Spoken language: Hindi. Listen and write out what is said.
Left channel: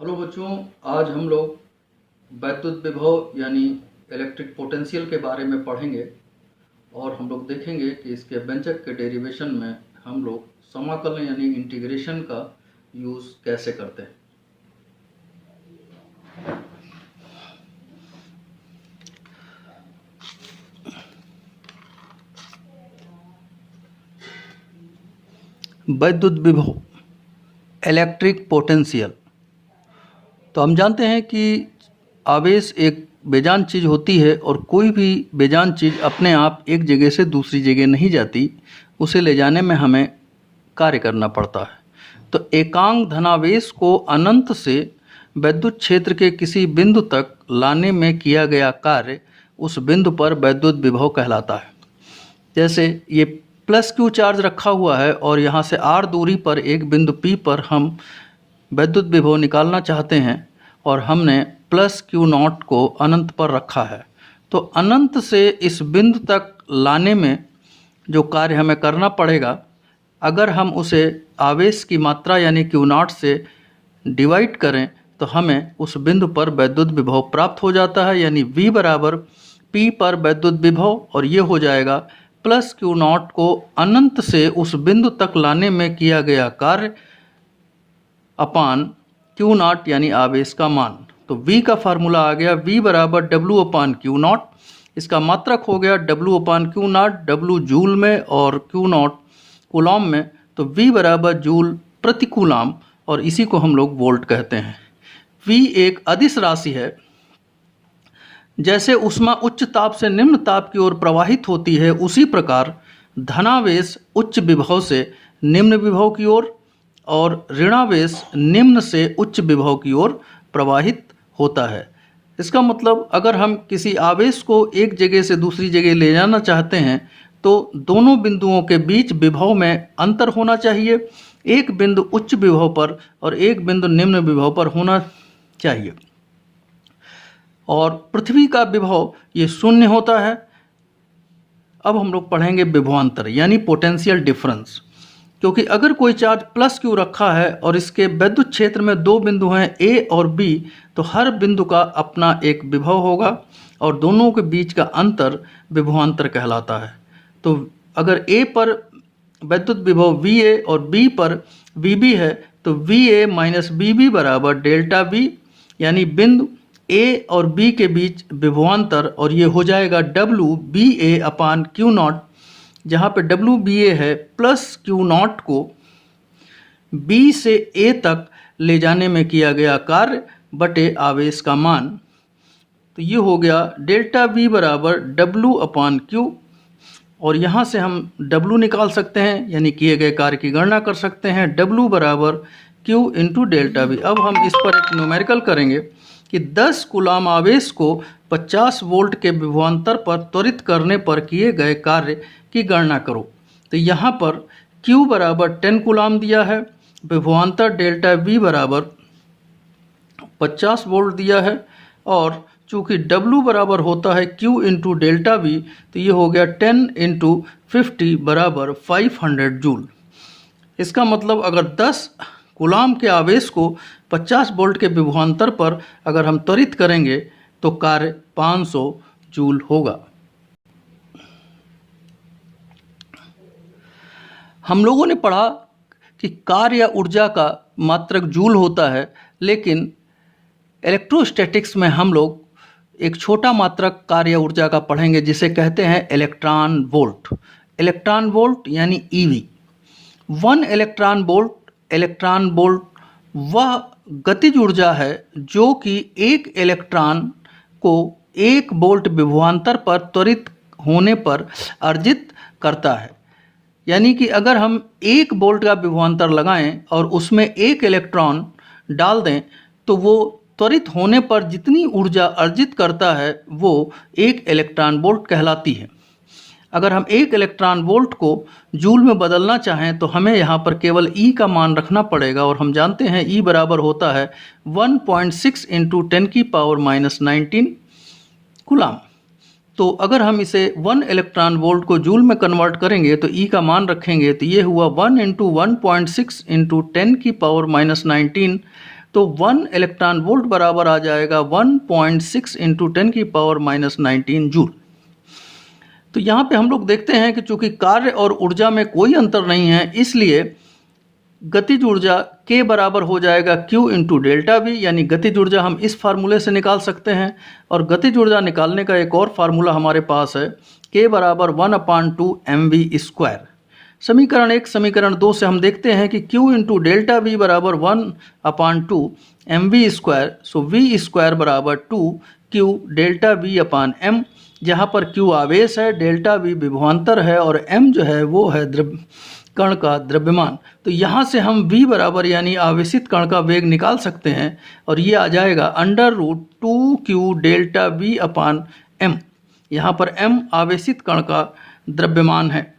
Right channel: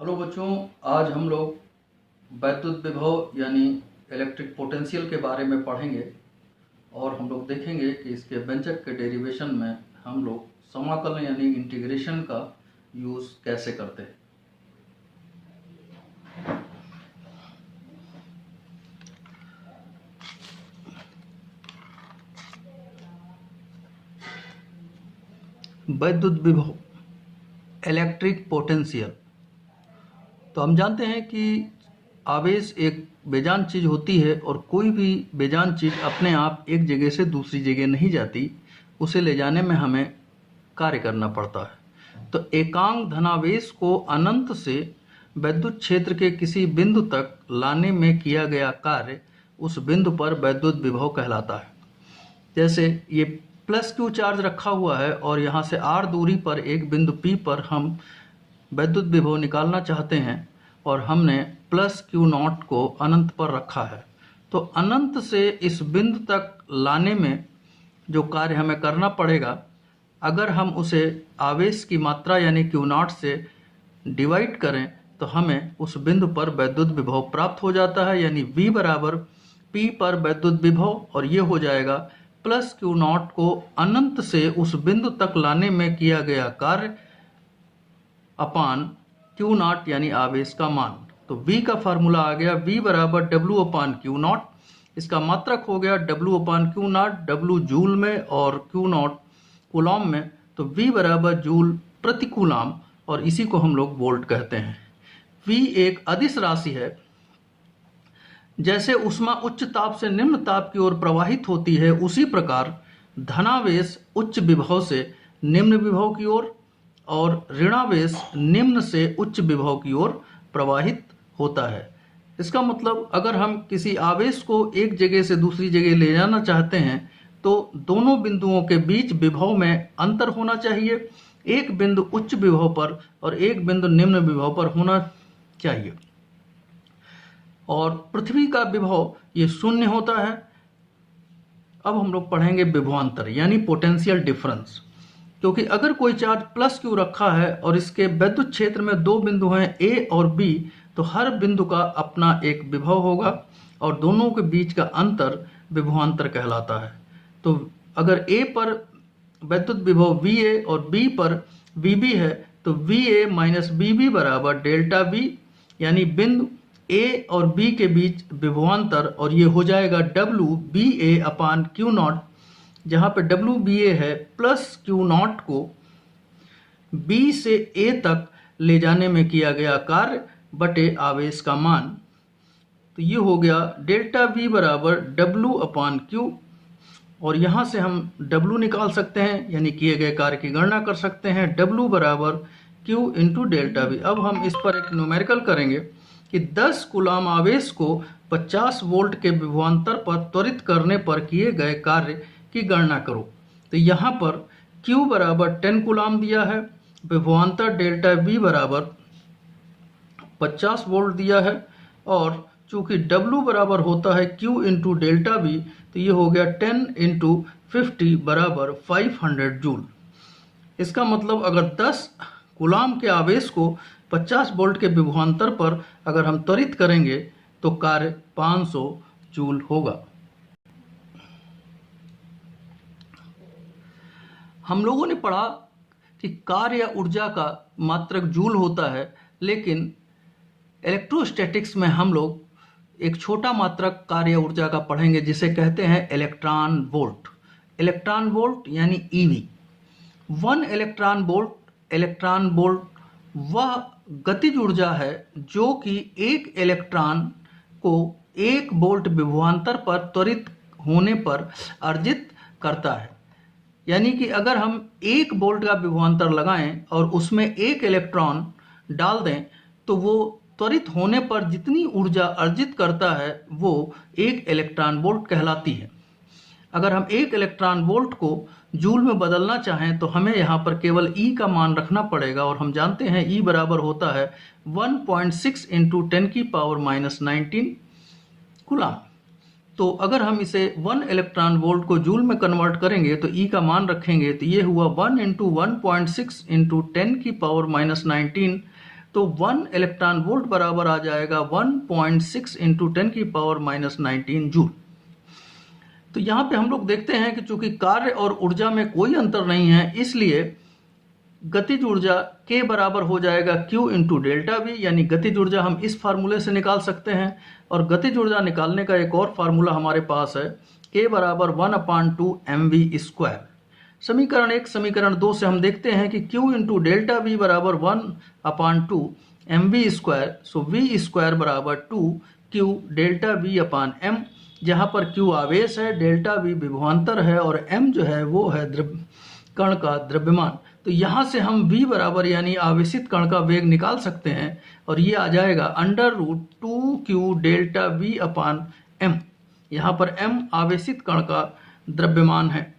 हेलो बच्चों, आज हम लोग वैद्युत विभव यानी इलेक्ट्रिक पोटेंशियल के बारे में पढ़ेंगे और हम लोग देखेंगे कि इसके व्यंजक के डेरिवेशन में हम लोग समाकलन यानी इंटीग्रेशन का यूज़ कैसे करते हैं। वैद्युत विभव इलेक्ट्रिक पोटेंशियल। तो हम जानते हैं कि आवेश एक बेजान चीज़ होती है और कोई भी बेजान चीज़ अपने आप एक जगह से दूसरी जगह नहीं जाती, उसे ले जाने में हमें कार्य करना पड़ता है। तो एकांक धनावेश को अनंत से वैद्युत क्षेत्र के किसी बिंदु तक लाने में किया गया कार्य उस बिंदु पर वैद्युत विभव कहलाता है। जैसे ये प्लस क्यू चार्ज रखा हुआ है और यहाँ से आर दूरी पर एक बिंदु पी पर हम वैद्युत विभव निकालना चाहते हैं और हमने प्लस क्यू नॉट को अनंत पर रखा है। तो अनंत से इस बिंदु तक लाने में जो कार्य हमें करना पड़ेगा, अगर हम उसे आवेश की मात्रा यानी क्यू नॉट से डिवाइड करें तो हमें उस बिंदु पर वैद्युत विभव प्राप्त हो जाता है। यानी V बराबर P पर वैद्युत विभव, और ये हो जाएगा प्लस क्यू नॉट को अनंत से उस बिंदु तक लाने में किया गया कार्य अपान क्यू नॉट यानी आवेश का मान। तो V का फार्मूला आ गया V बराबर W अपान क्यू नॉट। इसका मात्रक हो गया W upon Q not, W joule में और क्यू नॉट कूलॉम में। तो V बराबर जूल प्रति कूलॉम, और इसी को हम लोग वोल्ट कहते हैं। V एक अदिश राशि है। जैसे ऊष्मा उच्च ताप से निम्न ताप की ओर प्रवाहित होती है, उसी प्रकार धनावेश उच्च विभव से निम्न विभव की ओर और ऋणावेश निम्न से उच्च विभव की ओर प्रवाहित होता है। इसका मतलब अगर हम किसी आवेश को एक जगह से दूसरी जगह ले जाना चाहते हैं तो दोनों बिंदुओं के बीच विभव में अंतर होना चाहिए। एक बिंदु उच्च विभव पर और एक बिंदु निम्न विभव पर होना चाहिए। और पृथ्वी का विभव ये शून्य होता है। अब हम लोग पढ़ेंगे विभवांतर यानी पोटेंशियल डिफरेंस। क्योंकि अगर कोई चार्ज प्लस क्यू रखा है और इसके वैद्युत क्षेत्र में दो बिंदु हैं A और B, तो हर बिंदु का अपना एक विभव होगा और दोनों के बीच का अंतर विभवांतर कहलाता है। तो अगर A पर वैद्युत विभव VA और B पर VB है तो VA माइनस BB बराबर डेल्टा V, यानी बिंदु A और B के बीच विभवांतर, और ये हो जाएगा WBA अपान क्यू नॉट, जहाँ पे WBA है प्लस क्यू नॉट को B से A तक ले जाने में किया गया कार्य बटे आवेश का मान। तो ये हो गया डेल्टा V बराबर W अपान क्यू, और यहाँ से हम W निकाल सकते हैं यानी किए गए कार्य की गणना कर सकते हैं। W बराबर Q इंटू डेल्टा V। अब हम इस पर एक न्यूमेरिकल करेंगे कि 10 कूलॉम आवेश को 50 वोल्ट के विभवांतर पर त्वरित करने पर किए गए कार्य की गणना करो। तो यहाँ पर Q बराबर 10 कूलॉम दिया है, विभवांतर डेल्टा V बराबर 50 वोल्ट दिया है, और चूँकि W बराबर होता है Q इंटू डेल्टा V, तो ये हो गया 10 इंटू 50 बराबर 500 जूल। इसका मतलब अगर 10 कूलॉम के आवेश को 50 वोल्ट के विभवांतर पर अगर हम त्वरित करेंगे तो कार्य 500 जूल होगा। हम लोगों ने पढ़ा कि कार्य या ऊर्जा का मात्रक जूल होता है, लेकिन इलेक्ट्रोस्टैटिक्स में हम लोग एक छोटा मात्रक कार्य या ऊर्जा का पढ़ेंगे जिसे कहते हैं इलेक्ट्रॉन वोल्ट। इलेक्ट्रॉन वोल्ट यानी EV। 1 इलेक्ट्रॉन वोल्ट वह गतिज ऊर्जा है जो कि एक इलेक्ट्रॉन को 1 वोल्ट विभवांतर पर त्वरित होने पर अर्जित करता है। यानी कि अगर हम 1 वोल्ट का विभवांतर लगाएं और उसमें 1 इलेक्ट्रॉन डाल दें तो वो त्वरित होने पर जितनी ऊर्जा अर्जित करता है वो 1 इलेक्ट्रॉन वोल्ट कहलाती है। अगर हम 1 इलेक्ट्रॉन वोल्ट को जूल में बदलना चाहें तो हमें यहाँ पर केवल E का मान रखना पड़ेगा, और हम जानते हैं E बराबर होता है 1.6 इंटू 10 की पावर माइनस 19 कूलॉम। तो अगर हम इसे 1 इलेक्ट्रॉन वोल्ट को जूल में कन्वर्ट करेंगे तो E का मान रखेंगे तो ये हुआ 1 इंटू 1.6 इंटू 10 की पावर माइनस 19 तो 1 इलेक्ट्रॉन वोल्ट बराबर आ जाएगा 1.6 इंटू 10⁻⁻19 जूल। तो यहाँ पे हम लोग देखते हैं कि चूंकि कार्य और ऊर्जा में कोई अंतर नहीं है, इसलिए गतिज ऊर्जा K बराबर हो जाएगा Q इंटू डेल्टा वी, यानी गतिज ऊर्जा हम इस फार्मूले से निकाल सकते हैं। और गतिज ऊर्जा निकालने का एक और फार्मूला हमारे पास है, K बराबर 1/2 mv²। समीकरण 1 समीकरण 2 से हम देखते हैं कि Q इंटू डेल्टा वी बराबर 1/2 mv²। सो v² बराबर 2Q delta V upon m, जहाँ पर Q आवेश है, डेल्टा वी विभवांतर है और m जो है वो है कण का द्रव्यमान। तो यहाँ से हम v बराबर यानी आवेशित कण का वेग निकाल सकते हैं और ये आ जाएगा √2Q डेल्टा v अपान m। यहाँ पर m आवेशित कण का द्रव्यमान है।